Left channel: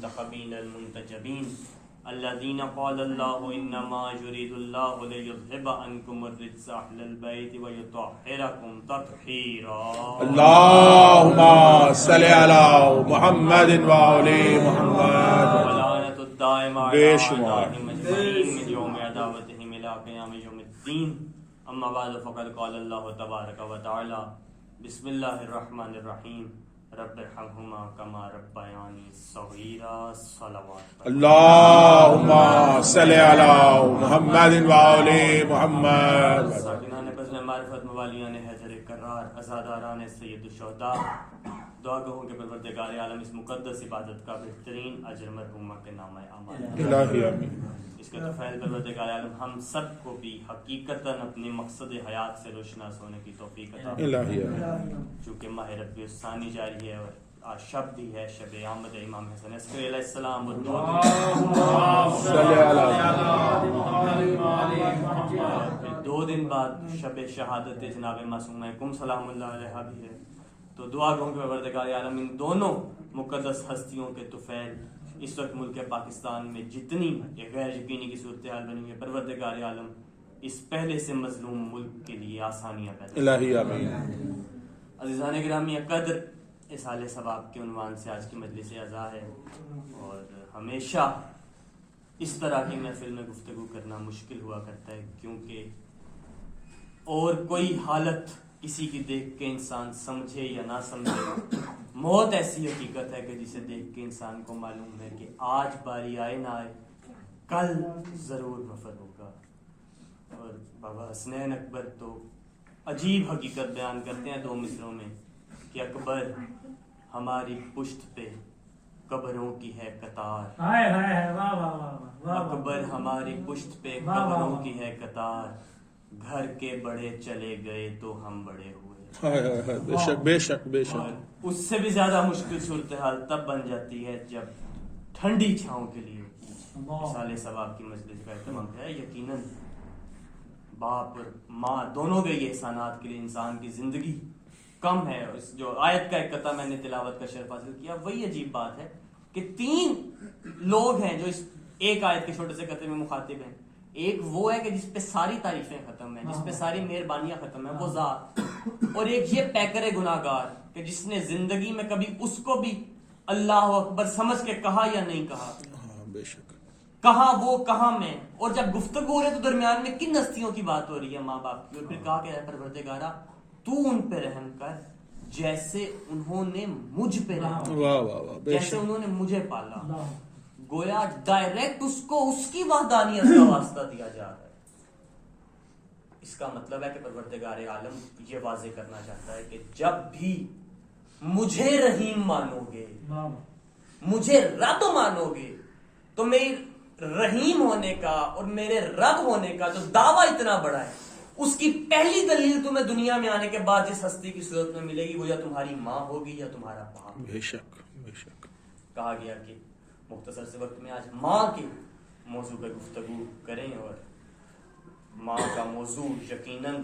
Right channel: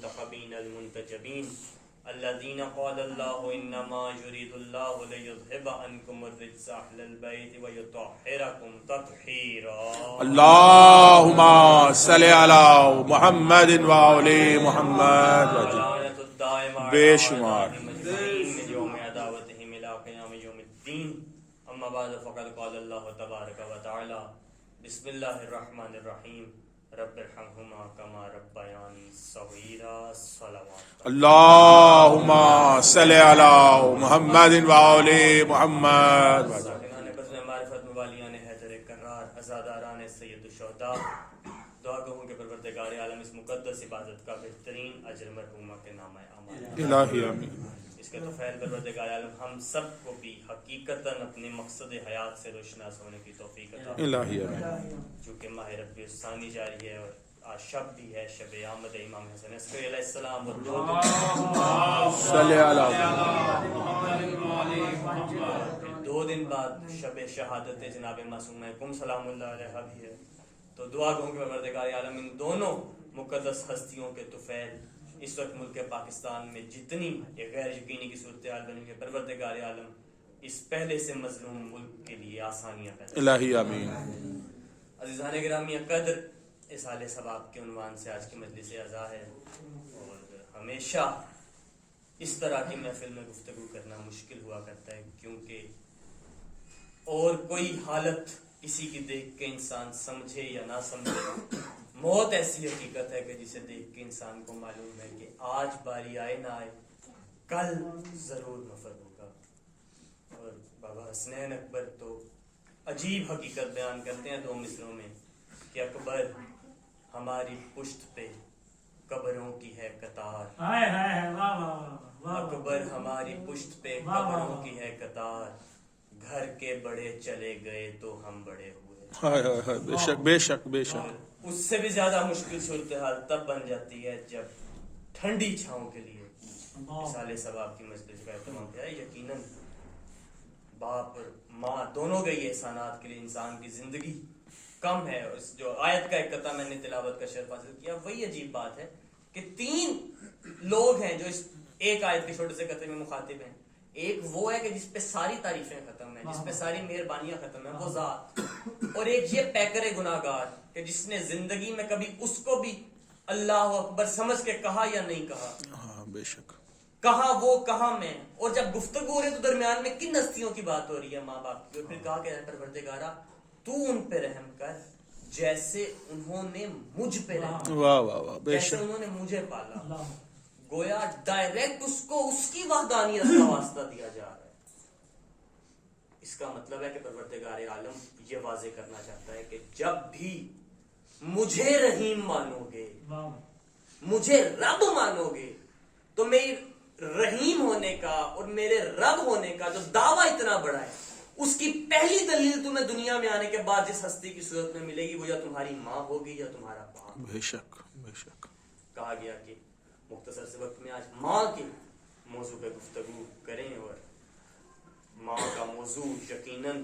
المنتخبین المنتجبین الذین قال اللہ انما یرید اللہ لیذھب عنکم الرجس اہل البیت ویطہرکم تطہیرا. اللہم صلی علی محمد وعلی محمد. ولعنۃ الدائمہ بے علی شمار. اعدائہم اجمعین من یوم عداوتہم الی قیام یوم الدین. اما بعد فقد قال اللہ تبارک و تعالی بسم اللہ الرحمن الرحیم رب ارحمہما کما ربیانی صغیرا. صلوات اللہم صلی علی محمد وعلی محمد. ساکنان فضل معرفت موالیان حیدر کرار ازاداران سید الشہداء، دعا کہوں کہ پروردگار عالم اس مقدس عبادت کا بہترین اجر مرحومہ کے نام اعمال الہی آمین. اس کے توفیل پروردگار عالم ہم سب کو بھی حقیقتاً اپنے مقصد حیات سے روشناس ہونے کی توفیق عطا فرمائے. الہی آمین. چونکہ ماہ ربیع الثانی جاری ہے اور آج شب بھی ہے، شب آمد امام حسن عسکری علیہ السلام. صلی پھر 2 دن بعد شب شہادت جناب معصومہ کم سلام اللہ علیہ بھی ہے. تو دعا کہوں کہ پروردگار عالم ان دونوں مقدس ہستیوں کے طفیل اس وقت ملک پاکستان میں جتنی یہ غیر یقینی کی صورتحال بنی ہوئی ہے، پروردگار عالم اس پہلے سے مظلوم ملک کے لیے آسانیاں پیدا. الہی آمین. عزیزان گرامی قدر، اصال ثواب کے عنوان سے آج کی مجلس اعزا ہے، اور ہمیشہ اس طرح کی محفل میں گفتگو کرنا مشکل ہوا کرتا ہے، کیونکہ اور کوئی حالت کسی کی دیکھ کے انسان سمجھے یا نہ سمجھے، موت ایسی حقیقت ہے کہ جسے دیکھ کے انسان کو معلوم ہے کہ آج باری آئے نہ آئے کل ضرور نفر ہوگا. اور بابا حسنین اکبر تو عجیب حقیقت بیان کرتے ہیں 2 مصروں میں کہ اکبر ہماری پشت پہ قبروں کی ہے قطار. اکبر ہماری پشت پہ قبروں کی ہے قطار، گھر کے بڑے چلے گئے تو ہم بڑے ہوئے. بے شک بے شک بے شک. اور اس سے بھی زیادہ مشکل صورتحال تب بن جاتی ہے جب ٹھنڈی چھاؤں کے لیے مثال ثواب کی مجلس کا اہتمام کیا ہے. یقیناً باپ اور ماں دونوں کے یہ احسانات کے لیے انسان کی زندگی کم ہے. اس جو آیت کا ایک قطعہ میں نے تلاوت کا شرف حاصل کیا، وہی عجیب بات ہے کہ 3 لوگ ہیں جو اس ایک آیت کے چھوٹے سے قطعے میں مخاطب ہیں. ایک وہ ہے کہ جس پہ ساری تعریفیں ختم ہیں، جس پہ ساری مہربانیاں ختم ہیں، وہ ذات. اور ایک یہ پیکر گناہگار کہ جس نے زندگی میں کبھی اس کو بھی اللہ اکبر سمجھ کے کہا یا نہیں کہا. بے شک. کہاں وہ کہاں میں. اور جب گفتگو ہو رہی تو درمیان میں کن ہستیوں کی بات ہو رہی ہے؟ ماں باپ کی. اور پھر کہا کہ اے پروردگارا تو ان پہ رحم کر جیسے انہوں نے مجھ پہ رحم، واہ واہ واہ. بے جیسے شک. انہوں نے مجھے پالا. گویا ڈائریکٹ اس کو اس کی وحدانیت کا واسطہ دیا جا رہا ہے. اس کا مطلب ہے کہ پروردگار عالم یہ واضح کرنا چاہتا ہے کہ جب بھی مجھے رحیم مانو گے، مجھے رب مانو گے، تو میری رحیم ہونے کا اور میرے رب ہونے کا جو دعویٰ اتنا بڑا ہے، اس کی پہلی دلیل تمہیں دنیا میں آنے کے بعد جس ہستی کی صورت میں ملے گی وہ یا تمہاری ماں ہوگی یا تمہارا باپ. بے شک بے شک. کہا گیا کہ مختصر سے وقت میں آج ماں کے موضوع پہ گفتگو کریں. اور ماں کا موضوع یقیناً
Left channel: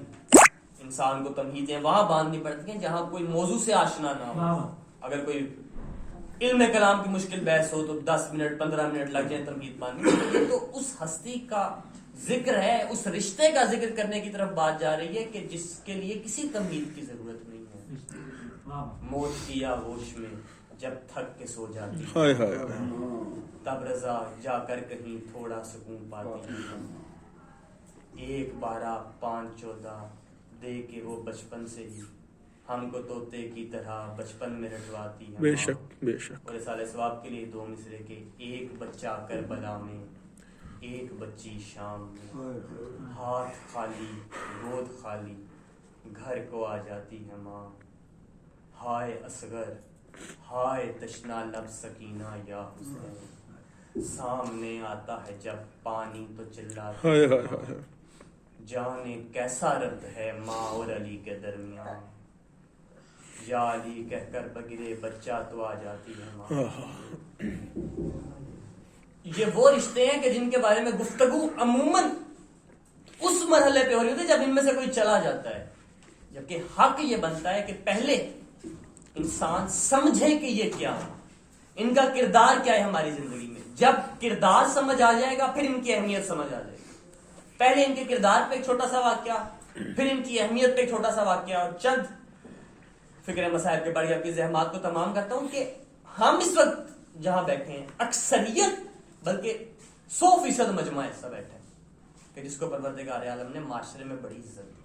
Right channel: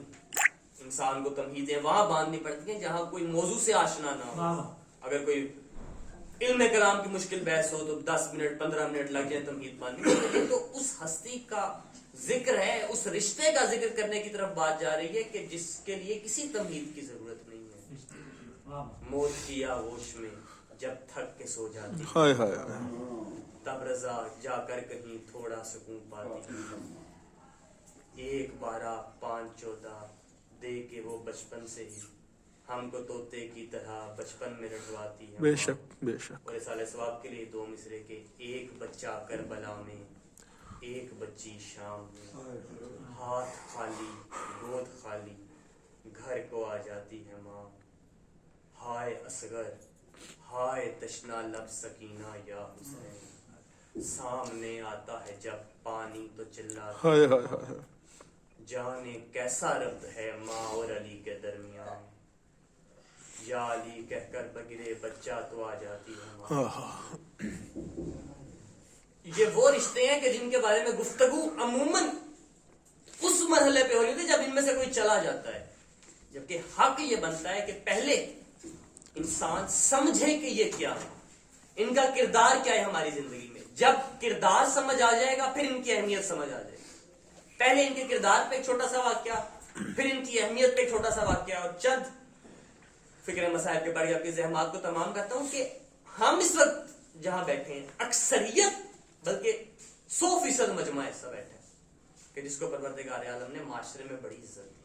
انسان کو تمہیدیں وہاں باندھنی پڑتی ہیں جہاں کوئی موضوع سے آشنا نہ ہو. اگر کوئی علم کلام کی مشکل بحث ہو تو 10 منٹ 15 منٹ لگ جائیں تمہید باندھنے. تو اس ہستی کا ذکر ہے، اس رشتے کا ذکر کرنے کی طرف بات جا رہی ہے کہ جس کے لیے کسی تمہید کی ضرورت نہیں ہے. موت کیا ہوش میں جب تھک کے سو جاتی ہائے ہائے. تب رضا جا کر کہیں تھوڑا سکون پاتی ہے. 1/12 5/14 دے کے وہ بچپن سے ہی ہم کو طوطے کی طرح بچپن میں رٹواتی ہے. بے شک بے شک. اور اصال ثواب کے لیے 2 مصرے کے ایک بچہ کربلا میں، ایک بچی شام میں، ہاتھ خالی گود خالی گھر کو آ جاتی ہے ماں. ہائے اصغر ہائے تشنا لب سکینہ یا حسین، سامنے آتا ہے جب پانی تو چلاتا ہائے ہائے ہائے. جانے کیسا ربط ہے ماں اور علی کے درمیان، یا علی کہہ کر بگرے بچہ تو آ جاتی ہے ماں. یہ وہ رشتے ہیں کہ جن کے بارے میں گفتگو عموماً اس مرحلے پہ ہو رہی ہوتی ہے جب ان میں سے کوئی چلا جاتا ہے. جبکہ حق یہ بنتا ہے کہ پہلے انسان سمجھے کہ یہ کیا ہے. ان کا کردار کیا ہے ہماری زندگی میں. جب کردار سمجھ آ جائے گا پھر ان کی اہمیت سمجھ آ جائے گی. پہلے ان کے کردار پہ ایک چھوٹا سا واقعہ, پھر ان کی اہمیت پہ ایک چھوٹا سا واقعہ, اور چند فکر مسائل کے بڑی اپنی زحمات کو تمام کرتا ہوں کہ ہم اس وقت جہاں بیٹھے ہیں اکثریت بلکہ 100% مجمع ایسا بیٹھے ہیں کہ جس کو پروردگار عالم نے معاشرے میں بڑی عزت دی.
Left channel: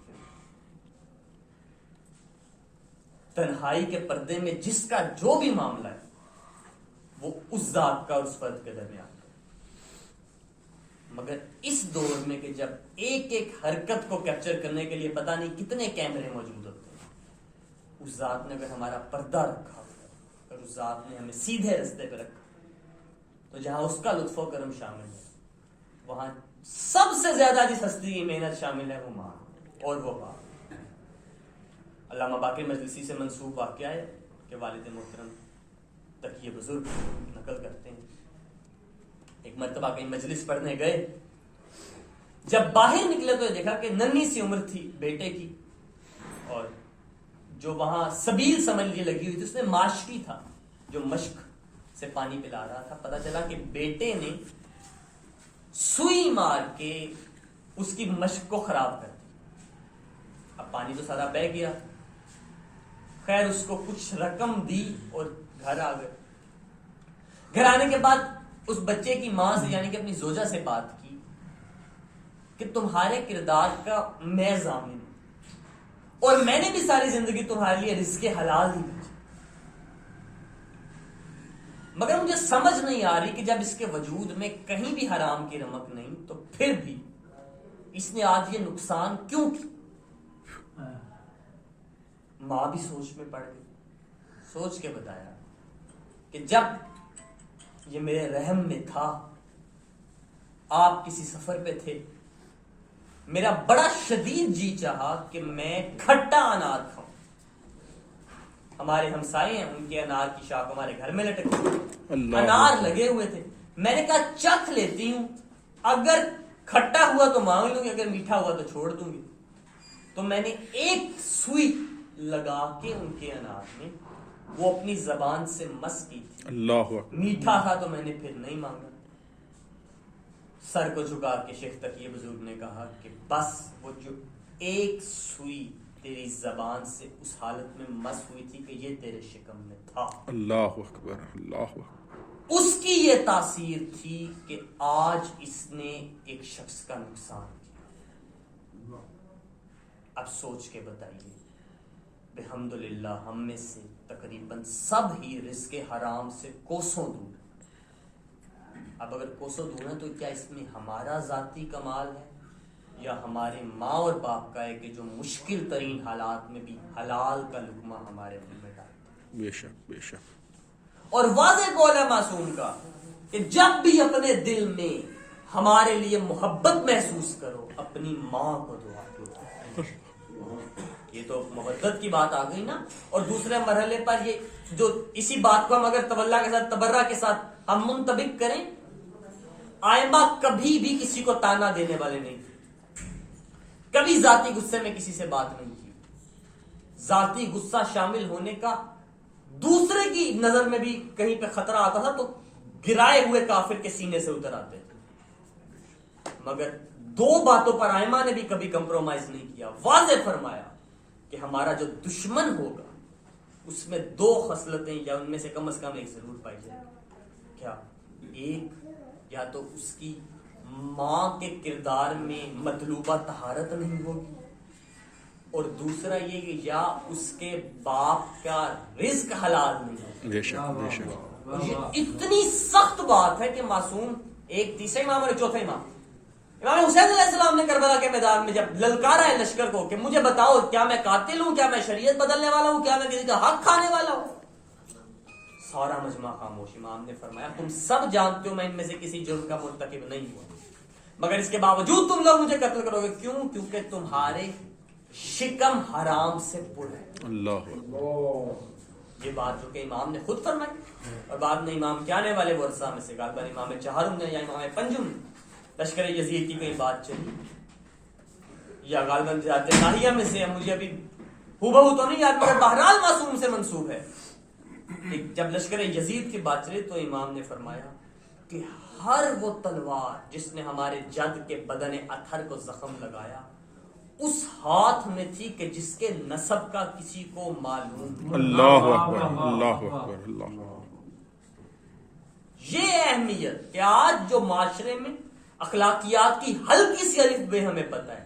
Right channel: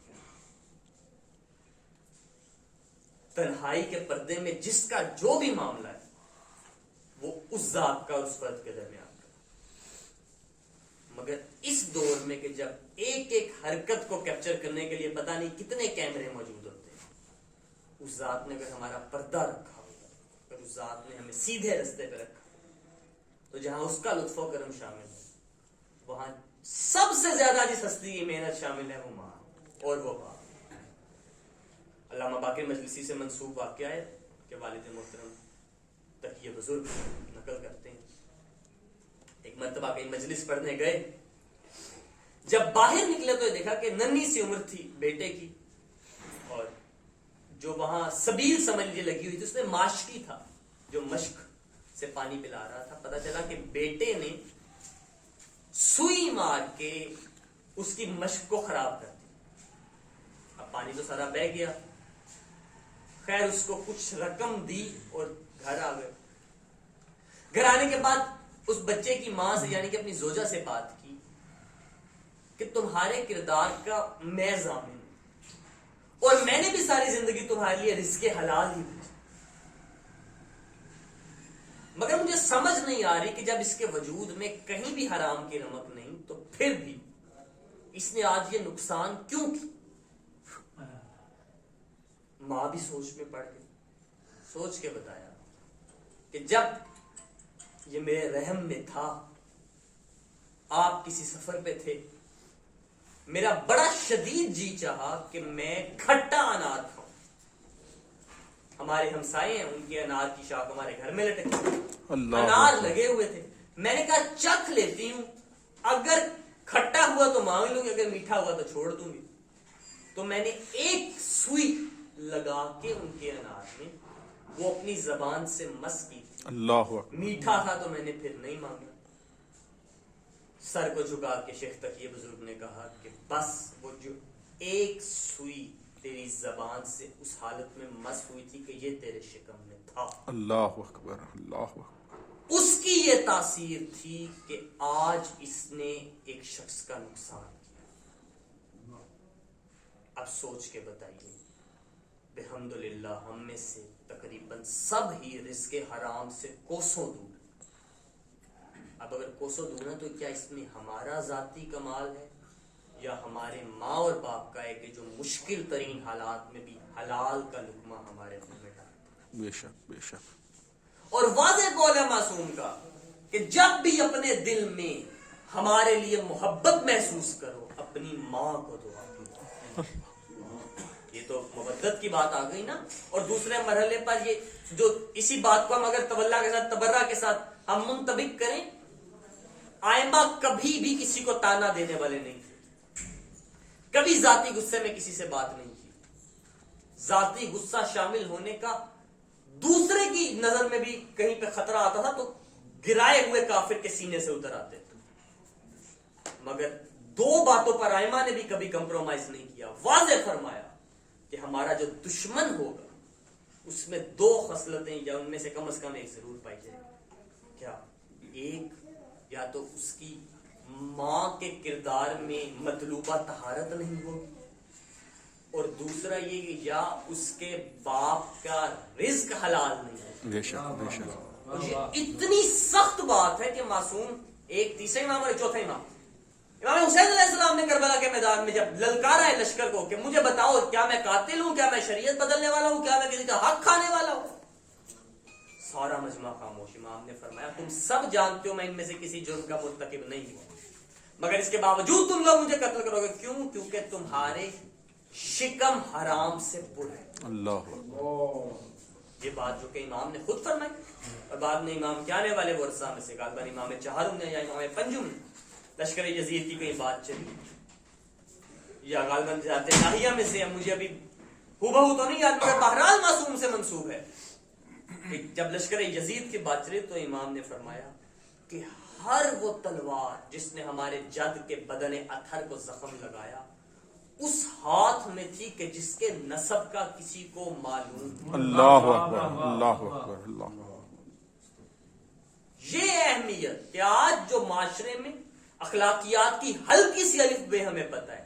تنہائی کے پردے میں جس کا جو بھی معاملہ ہے وہ اس ذات کا اس فرد کے درمیان ہے. مگر اس دور میں کہ جب ایک ایک حرکت کو کیپچر کرنے کے لیے پتہ نہیں کتنے کیمرے موجود ہوتے ہیں, اس ذات نے اگر ہمارا پردہ رکھا ہوا, اگر اس ذات نے ہمیں سیدھے رستے پہ رکھا, تو جہاں اس کا لطف و کرم شامل ہے وہاں سب سے زیادہ جس ہستی کی محنت شامل ہے وہ ماں اور وہ باپ. علامہ باقر مجلسی سے منسوب واقعہ ہے کہ والد محترم تقی بزرگ نقل کرتے ہیں, ایک مرتبہ کہیں مجلس پڑھنے گئے, جب باہر نکلے تو دیکھا کہ ننھی سی عمر تھی بیٹے کی, اور جو وہاں سبیل سمجھ لیجیے لگی ہوئی تھی اس میں ماشکی تھا جو مشک سے پانی پلا رہا تھا. پتا چلا کہ بیٹے نے سوئی مار کے اس کی مشک کو خراب کر دیا. اب پانی تو سارا بہہ گیا, خیر اس کو کچھ رقم دی اور گھر آ گئے. گھر آنے کے بعد اس بچے کی ماں سے یعنی کہ اپنی زوجہ سے بات کی کہ تمہارے کردار کا میں ضامن ہوں اور میں نے بھی ساری زندگی تمہارے لیے رزق حلال ہی بھیجا, مگر مجھے سمجھ نہیں آ رہی کہ جب اس کے وجود میں کہیں بھی حرام کی رمق نہیں تو پھر بھی اس نے آج یہ نقصان کیوں کی. ماں بھی سوچ میں پڑ گئی, سوچ کے بتایا کہ جب یہ میرے رحم میں تھا, آپ کسی سفر پہ تھے, میرا بڑا شدید جی چاہا کہ میں کھٹا انار کھاؤں. ہمارے ہمسائے ہیں, ان کے انار کی شاخ ہمارے گھر میں لٹکی, انار لگے ہوئے تھے. میں نے کہا چکھ لیتی ہوں, اگر کھٹا ہوا تو مانگ لوں گی, اگر میٹھا ہوا تو چھوڑ دوں گی. تو میں نے ایک سوئی لگا کے ان کے انار میں وہ اپنی زبان سے مس کی تھی. اللہ میٹھا تھا تو میں نے پھر نہیں مانگا. سر کو جھکا کے شیخ تقی بزرگ نے کہا کہ بس وہ جو ایک سوئی تیری زبان سے اس حالت میں مس ہوئی تھی کہ یہ تیرے شکم میں تھا, اللہ اکبر, اللہ اکبر, اس کی یہ تاثیر تھی کہ آج اس نے ایک شخص کا نقصان کیا. اب سوچ کے بتائیے, بحمدللہ ہم میں سے تقریباً سب ہی رزق حرام سے کوسوں دور. اب اگر کوسوں دور ہے تو کیا اس میں ہمارا ذاتی کمال ہے یا ہمارے ماں اور باپ کا ہے کہ جو مشکل ترین حالات میں بھی حلال کا لقمہ ہمارے منہ میں ڈالتا ہے. بے شک بے شک. اور واضح قول ہے معصوم کا کہ جب بھی اپنے دل میں ہمارے لیے محبت محسوس کرو اپنی ماں کو دعا کرو. یہ تو محبت کی بات آ گئی نا. اور دوسرے مرحلے پر یہ جو اسی بات کو ہم اگر تولا کے ساتھ تبرہ کے ساتھ ہم منطبق کریں, آئمہ کبھی بھی کسی کو تانا دینے والے نہیں تھے, کبھی ذاتی غصے میں کسی سے بات نہیں کی. ذاتی غصہ شامل ہونے کا دوسرے کی نظر میں بھی کہیں پہ خطرہ آتا تھا تو گرائے ہوئے کافر کے سینے سے اتر آتے تھے. مگر دو باتوں پر آئمہ نے بھی کبھی کمپرومائز نہیں کیا. واضح فرمایا کہ ہمارا جو دشمن ہوگا اس میں دو خصلتیں یا ان میں سے کم از کم ایک ضرور پائی جائے گی. کیا؟ ایک یا تو اس کی ماں کے کردار میں مطلوبہ طہارت نہیں ہوگی, اور دوسرا یہ کہ یا اس کے باپ کا رزق حلال نہیں ہے. بے شک بے شک. یہ اتنی سخت بات ہے کہ معصوم ایک تیسرا امام اور ایک چوتھا امام حسین علیہ السلام نے کربلا کے میدان میں جب للکارا ہے لشکر کو کہ مجھے بتاؤ کیا میں قاتل ہوں, کیا میں شریعت بدلنے والا ہوں, کیا میں کسی کا حق کھانے والا ہوں, سارا مجمع خاموش. امام نے فرمایا تم سب جانتے ہو میں ان میں سے کسی جرم کا مرتکب نہیں ہوا, مگر اس کے باوجود تم لوگ مجھے قتل کرو گے. کیوں؟ کیونکہ تمہارے شکم حرام سے پر ہے. اللہ یہ بات جو کہ امام نے خود فرمائی, اور بعد میں امام کیا آنے والے ورثہ میں سے غالباً امام چہارم نے یا امام پنجم نے لشکر یزید کی کوئی بات چلی یا غالباً جاتے ناہیہ میں سے, مجھے ابھی ہو بہو تو نہیں یاد, مگر بہرحال معصوم سے منسوب ہے جب لشکر یزید کی بات چلی تو امام نے فرمایا کہ ہر وہ تلوار جس نے ہمارے جد کے بدن اطہر کو زخم لگایا اس ہاتھ میں تھی کہ جس کے نسب کا کسی کو معلوم. اللہ اکبر اللہ اکبر اللہ. یہ اہمیت کہ آج جو معاشرے میں اخلاقیات کی ہلکی سی الف بے ہمیں پتہ ہے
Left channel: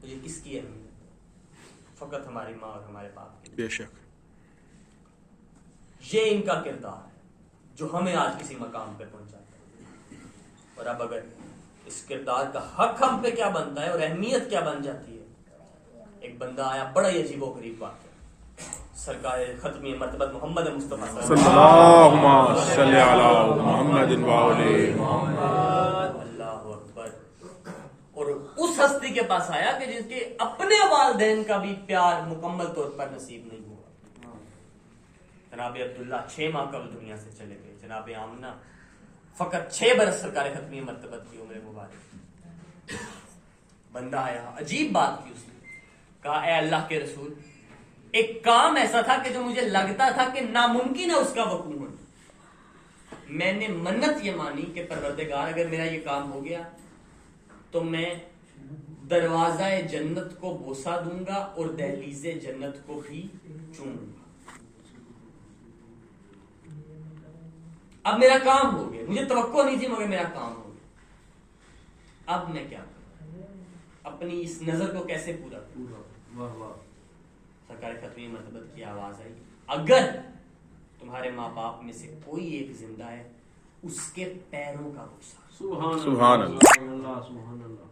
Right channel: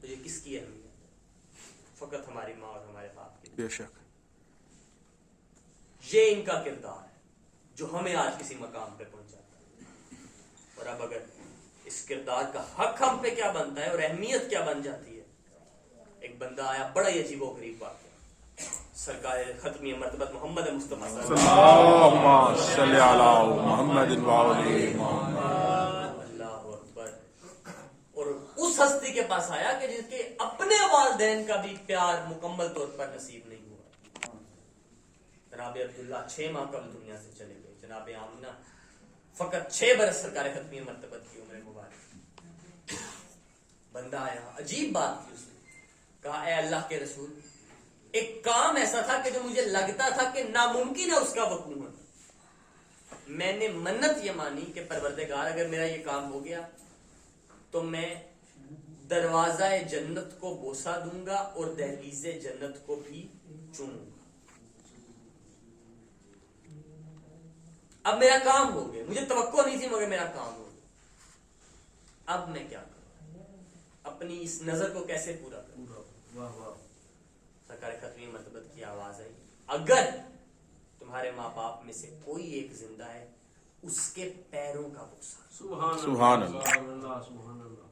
تو یہ کس کی اہمیت؟ فقط ہماری ماں اور ہمارے باپ کی. بے شک. یہ ان کا کردار ہے جو ہمیں آج کسی مقام پہ پہنچاتا ہے. اور اب اگر اس کردار کا حق ہم پہ کیا بنتا ہے اور اہمیت کیا بن جاتی ہے. ایک بندہ آیا بڑا ہی عجیب و غریب بات ہے. سرکار ختمی مرتبت محمد مصطفیٰ صلی اللہ صلی علی محمد اللہ اکبر. اور اس ہستی کے پاس آیا کہ جس کے اپنے والدین کا بھی پیار مکمل طور پر نصیب نہیں ہوا. جناب عبداللہ 6 ماہ قبل دنیا سے چلے گئے. جناب آمنہ فقط 6 برس سرکار ختمی مرتبت کی عمر مبارک. بندہ آیا عجیب بات کی. اس نے کہا اے اللہ کے رسول ایک کام ایسا تھا کہ جو مجھے لگتا تھا کہ ناممکن ہے اس کا وقوع ہونا. میں نے منت یہ مانی کہ پروردگار اگر میرا یہ کام ہو گیا تو میں دروازہ جنت کو بوسہ دوں گا اور دہلیز جنت کو بھی چوموں گا. اب میرا کام ہو گیا. مجھے توقع نہیں تھی مگر میرا کام ہو گیا. اب میں کیا کروں؟ اپنی اس نظر کو کیسے پورا کروں؟ سرکار ختمی مرتبت کی آواز آئی اگر تمہارے ماں باپ میں سے کوئی ایک زندہ ہے اس کے پیروں کا بوسہ. سبحان اللہ سبحان اللہ.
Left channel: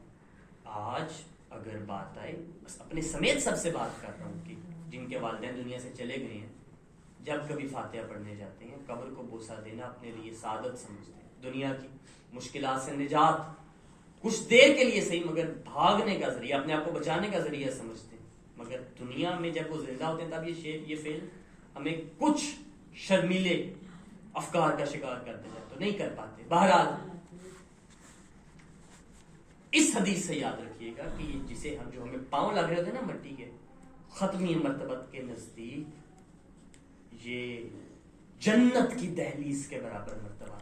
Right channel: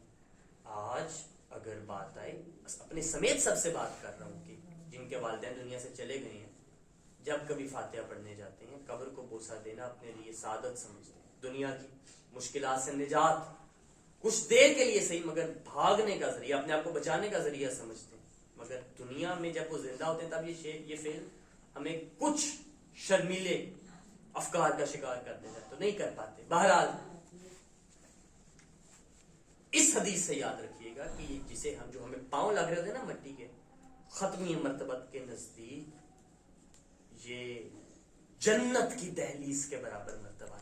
آج اگر بات آئے بس اپنے سمیت سب سے بات کر رہا ہوں کہ جن کے والدین دنیا سے چلے گئے ہیں جب کبھی فاتحہ پڑھنے جاتے ہیں قبر کو بوسہ دینا اپنے لیے سعادت سمجھتے ہیں. دنیا کی مشکلات سے نجات کچھ دیر کے لیے صحیح مگر بھاگنے کا ذریعہ اپنے آپ کو بچانے کا ذریعہ سمجھتے ہیں. مگر دنیا میں جب وہ زندہ ہوتے ہیں تب یہ فعل ہمیں کچھ شرمیلے افکار کا شکار کر دیتا ہے تو نہیں کر پاتے. بہرحال اس حدیث سے یاد رکھیے گا کہ جسے ہم جو ہمیں پاؤں لگ رہے ہوتے ہیں نا مٹی کے ختمی مرتبت کے نزدیک یہ جنت کی دہلیز کے برابر مرتبہ.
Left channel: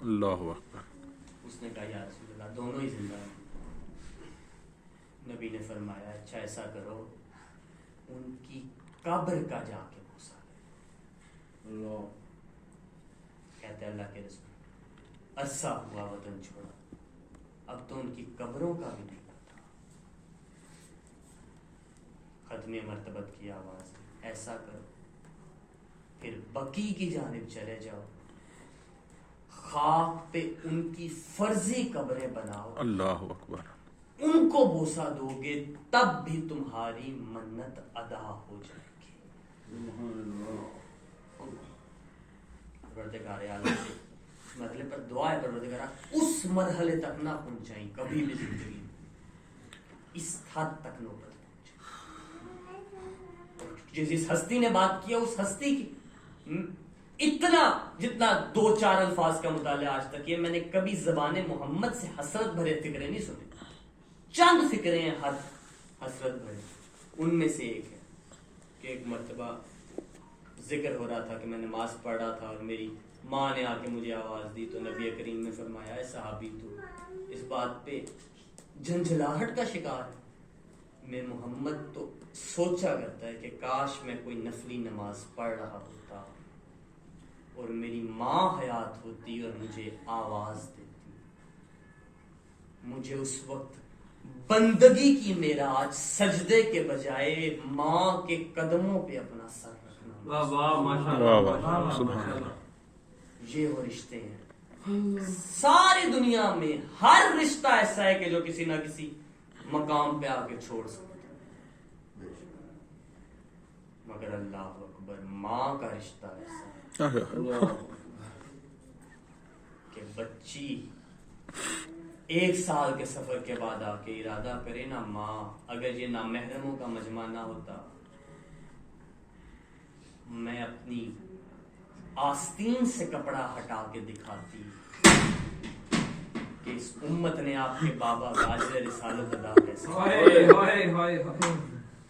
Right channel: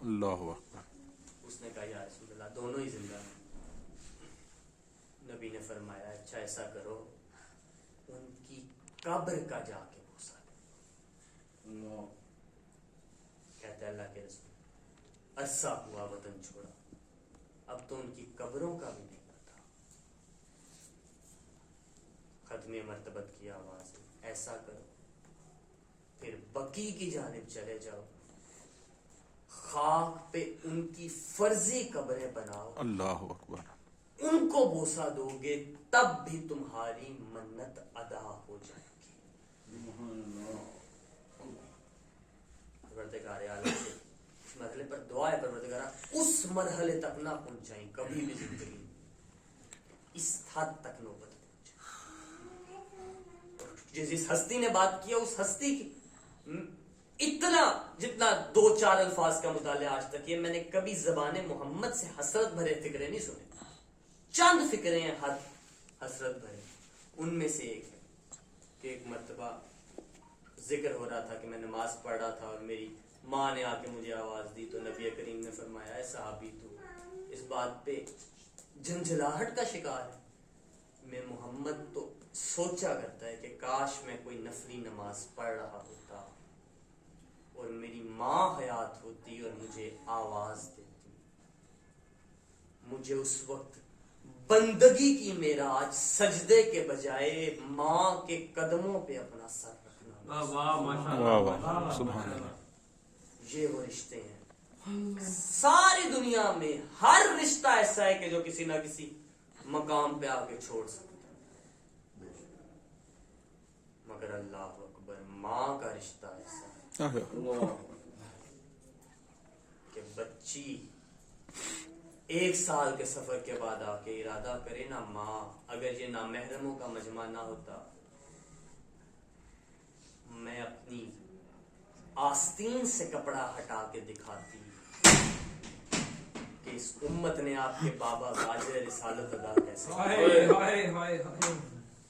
اللہ اکبر. اس نے کہا یا رسول اللہ دونوں ہی زندہ ہیں. نبی نے فرمایا اچھا ایسا کرو ان کی قبر کا جا کے بوسہ دو. کہتے اللہ کے رسول عرصہ ہوا وطن چھوڑا اب تو ان کی قبروں کا بھی نہیں پتا. ختمی مرتبت کی آواز ایسا کرو پھر بقی کی جانب چلے جاؤ خاک پہ ان کی فرضی قبریں بناؤ. اللہ اکبر. ان کو بوسہ دو گے تب بھی تمہاری منت ادا ہو جائے گی. پروردگار عالم سے اس مرحلے پر دعا ہے پروردگار اس مرحلے تک نہ پہنچائیں کبھی بھی زندگی اس حد تک نوبت پہنچے. جس ہستی نے بات کیا اس ہستی کی اتنا جتنا 2-4 الفاظ کا مطالعہ آج تک یہ میں نے کبھی زبان محمد سے حسرت بھرے فکرے نہیں سنے. چند فکرے ہیں حسرت بھرے. ان میں سے ایک ہے کہ ایک مرتبہ ذکر ہو رہا تھا کہ میں نماز پڑھ رہا تھا اور میری ماں نے آ کے مجھے آواز دی تو نبی کریم نے فرمایا اے صحابی تو اس بات پہ جھنجھلاہٹ کا شکار ہے. میں محمد تو سوچا کرتا ہے کہ کاش میں کوئی نفلی نماز پڑھ رہا ہوتا اور میری ماں حیات ہوتی اور مجھے آواز دیتی. مجھے اس وقت بندگی کی معراج سجدے کے بجائے ماں کے قدموں پہ اپنا سر رکھنا. سبحان اللہ. یہ وہ رشتے ہیں. ساری دنیا میں ہر رشتہ ایسا ہے کہ جو کسی نہ کسی مقام پہ آ کے چھوڑ سکتا ہے مگر اللہ اکبر ماں کا رشتہ ایسا ہے کہ بچی 1 سال کے سفر کے بعد آ کے ارادہ کرے نا ماں اگر یہ نامحرموں کا مجمع نہ ہوتا میں اپنی آستین سے کپڑا ہٹا کے دکھاتی کہ اس امت نے آپ کے بابا کا اجر رسالت ادا کیسے.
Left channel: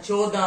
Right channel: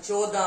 14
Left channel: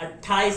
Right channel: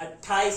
28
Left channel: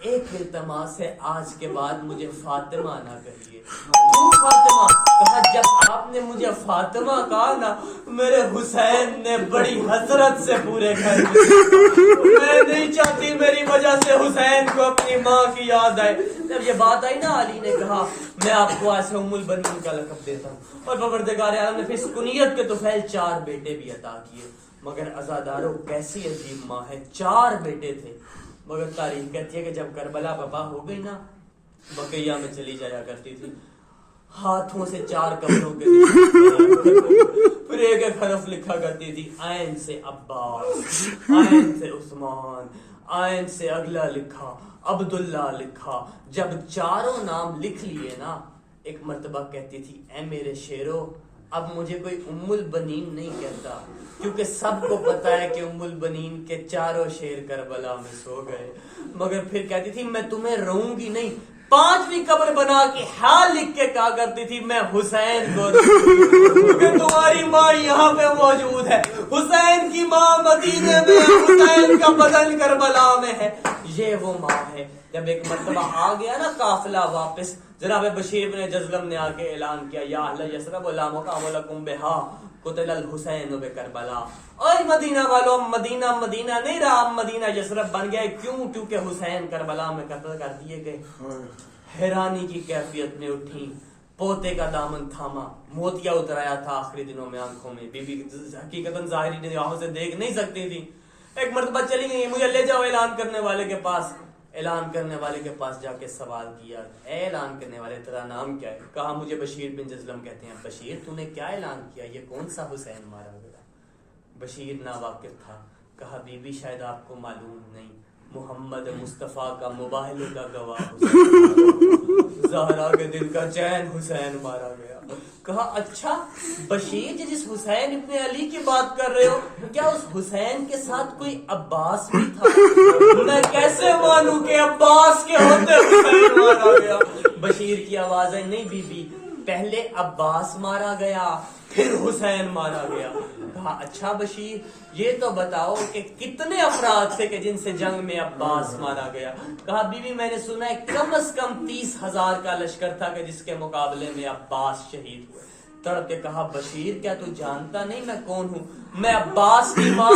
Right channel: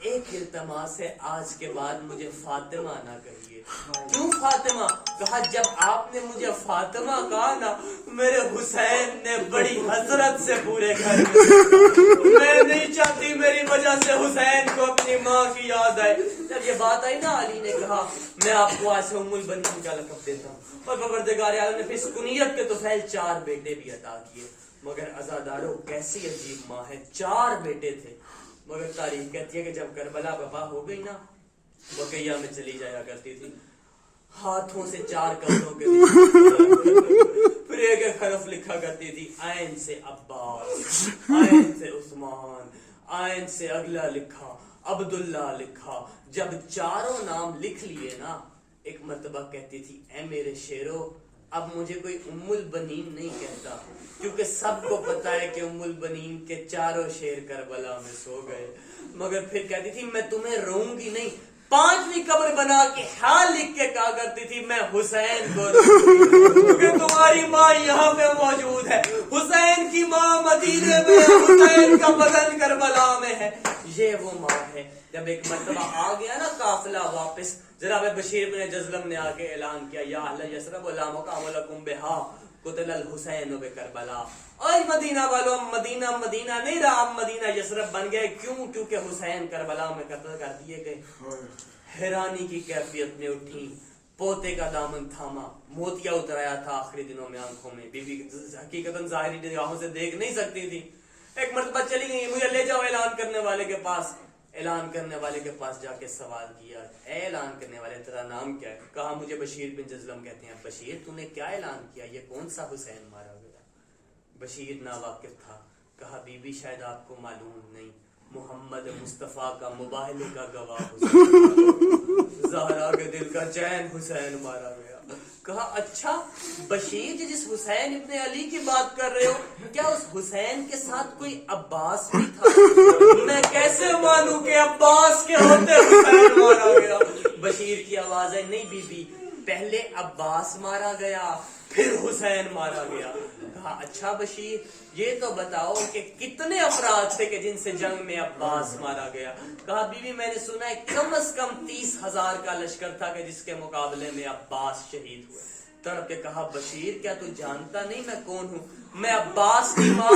ایک التماس ہے آج کے بعد مجھے فاطمہ نہ کہیے. کیوں فاطمہ؟ کہا جب آپ نے مجھے فاطمہ کہا نا میرے حسین نے بڑی حسرت سے پورے گھر میں نہیں چاہتی میری وجہ سے حسین کو اپنی ماں کی یاد آئے. جب یہ بات آئی نا علی نے کہا میں آپ کو آج سے ام البنین کا لقب دیتا ہوں. اور پروردگار عالم نے پھر اس کنیت کے طفیل 4 بیٹے بھی عطا کیے. مگر عزادارو کیسی عجیب ماں ہے, 4 بیٹے تھے. مگر تاریخ کہتی ہے کہ جب کربلا بپا ہو گئی نا بقیہ میں چلی جایا کرتی تھی, ہاتھوں سے 4 کپڑوں کے پھر ایک ایک حرف لکھا کرتی تھی. عین سے عباس, عین سے عثمان, عین سے اگلا لکھا عبداللہ لکھا. جب 4 نام لکھ لیے نا ایک مرتبہ کہتی تھی اے میرے شیرو اب مجھے کوئی ام البنین نہیں کہتا, کیونکہ سب کو پتا ہے کہ ام البنین کے 4 شیر کربلا میں سو گئے. مگر پھر کہتی تھی میں تمہیں رہوں گی نہیں, 5ویں قبر بنا کے حال لکھ کے کہا کرتی تھی میں حسین کو کیونکہ تمہاری ماں یہاں پہ موجود ہے, حسین کی ماں مدینے میں, حسین کا بدن کربلا میں ہے. یہ وہ ماں ہے. جب ایک مرتبہ آ گیا نا قافلہ واپس, جناب بشیر بن جزلم نے آ کے اعلان کیا یا اہل یثرب لا مقام لکم بہا قتل الحسین بکربلا. اور مدینہ والوں مدینہ مدینہ نہیں رہا, مدینہ یثرب بن گئے. کیوں؟ کیونکہ حسین کربلا میں قتل کر دیے گئے. حیرانی کی کیفیت نے اٹھی, پوتے کا دامن تھاما, موتیا اترایا تھا آخری دنوں میں آنکھوں میں. بی بی حقیقتاً ظاہری نگاہوں سے دیکھ نہیں سکتی تھی. ایک مرتبہ چلی گئی مجھے لے جاؤ اعلان کرنے والے کے پاس. اعلان کرنے والے کے پاس جا کے سوال کیا اے اعلان کرنے والے تیرا نام کیا ہے؟ کہا مجھے بشیر بن جزلم کہتے ہیں. بشیر تم نے کیا اعلان کیا, یہ کون سا حسین مارا گیا؟ بشیر ناواقف تھا. کہا بی بی شاید آپ کو معلوم نہیں, محمد مصطفیٰ کا مباہلے کا گواہ زہرا کے دل کا چین حسین مارا گیا. کہا اچھا بشیر جس حسین ابن علی کی بات کر رہے ہو کیا اس حسین کے ساتھ کوئی عباس بھی تھا؟ میں کیسے مانوں کہ عباس کے ہوتے حسین مارا گیا؟ بشیر کی آواز ہے نہیں بی بی, پہلے عباس مارا گیا پھر حسین مارا گیا. کہا اچھا بشیر یہ تو بتاؤ کہ کتنے افراد تھے کہ جن سے جنگ میں عباس مارا گیا؟ کہا بی بی میں نے سنا ہے کم از کم 30,000 کا لشکر تھا کہ جس کے مقابلے میں عباس شہید ہوئے. تڑپ کے کہا بشیر کیا تو جانتا نہیں میں کون ہوں؟ میں عباس کی ماں.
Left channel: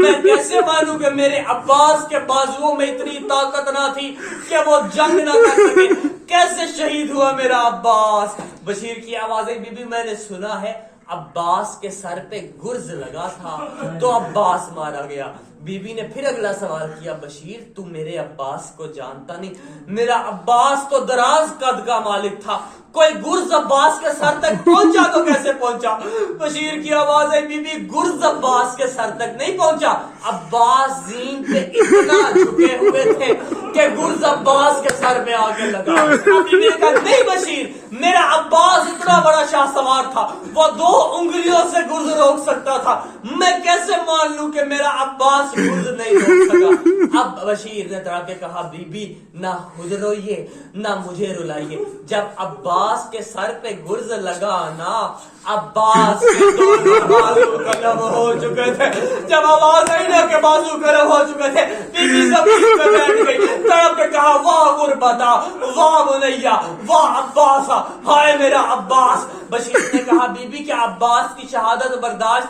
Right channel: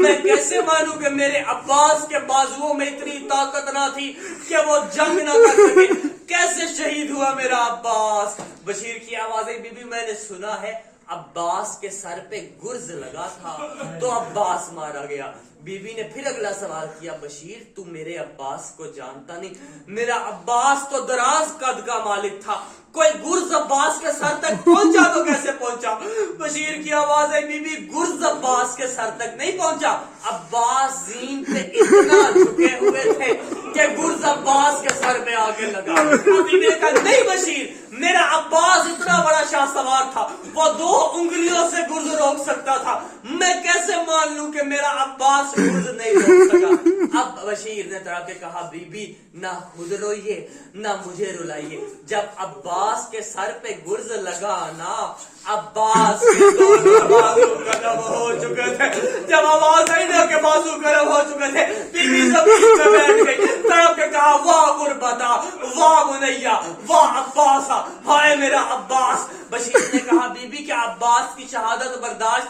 میں کیسے مانوں کہ میرے عباس کے بازوؤں میں اتنی طاقت نہ تھی کہ وہ جنگ نہ کر سکے؟ کیسے شہید ہوا میرا عباس؟ بشیر کی آوازیں بی بی میں نے سنا ہے عباس کے سر پہ گرز لگا تھا تو عباس مارا گیا. بی بی نے پھر اگلا سوال کیا بشیر تو میرے عباس کو جانتا نہیں؟ میرا عباس تو دراز قد کا مالک تھا, کوئی گرز عباس کے سر تک پہنچا تو کیسے پہنچا؟ بشیر کی آواز ہے بی بی گرز عباس کے سر تک نہیں پہنچا, عباس زین پہ اتنا جھکے ہوئے تھے کہ گرز عباس کے سر پہ آ کے لگا. بی بی نے کہا نہیں بشیر میرا عباس اتنا بڑا شاہ سوار تھا وہ 2 انگلیوں سے گرز روک سکتا تھا, میں کیسے مان لوں کہ میرا عباس گرز نہیں روک سکا؟ اب بشیر نے طرح کے کہا بی بی نہ خود روئیے نہ مجھے رلائیے, جب عباس کے سر پہ گرز لگا نا عباس کے 2 بازو قلم ہو چکے تھے. جب آواز آئی نا کہ بازو قلم ہو چکے تھے بی بی زمین پہ بیٹھ گئی. طرف کے کہا واہ غربتا واہ منیا واہ عباسا, ہائے میرا عباس. بشیر نے کہا بی بی کیا عباس کی شہادت برداشت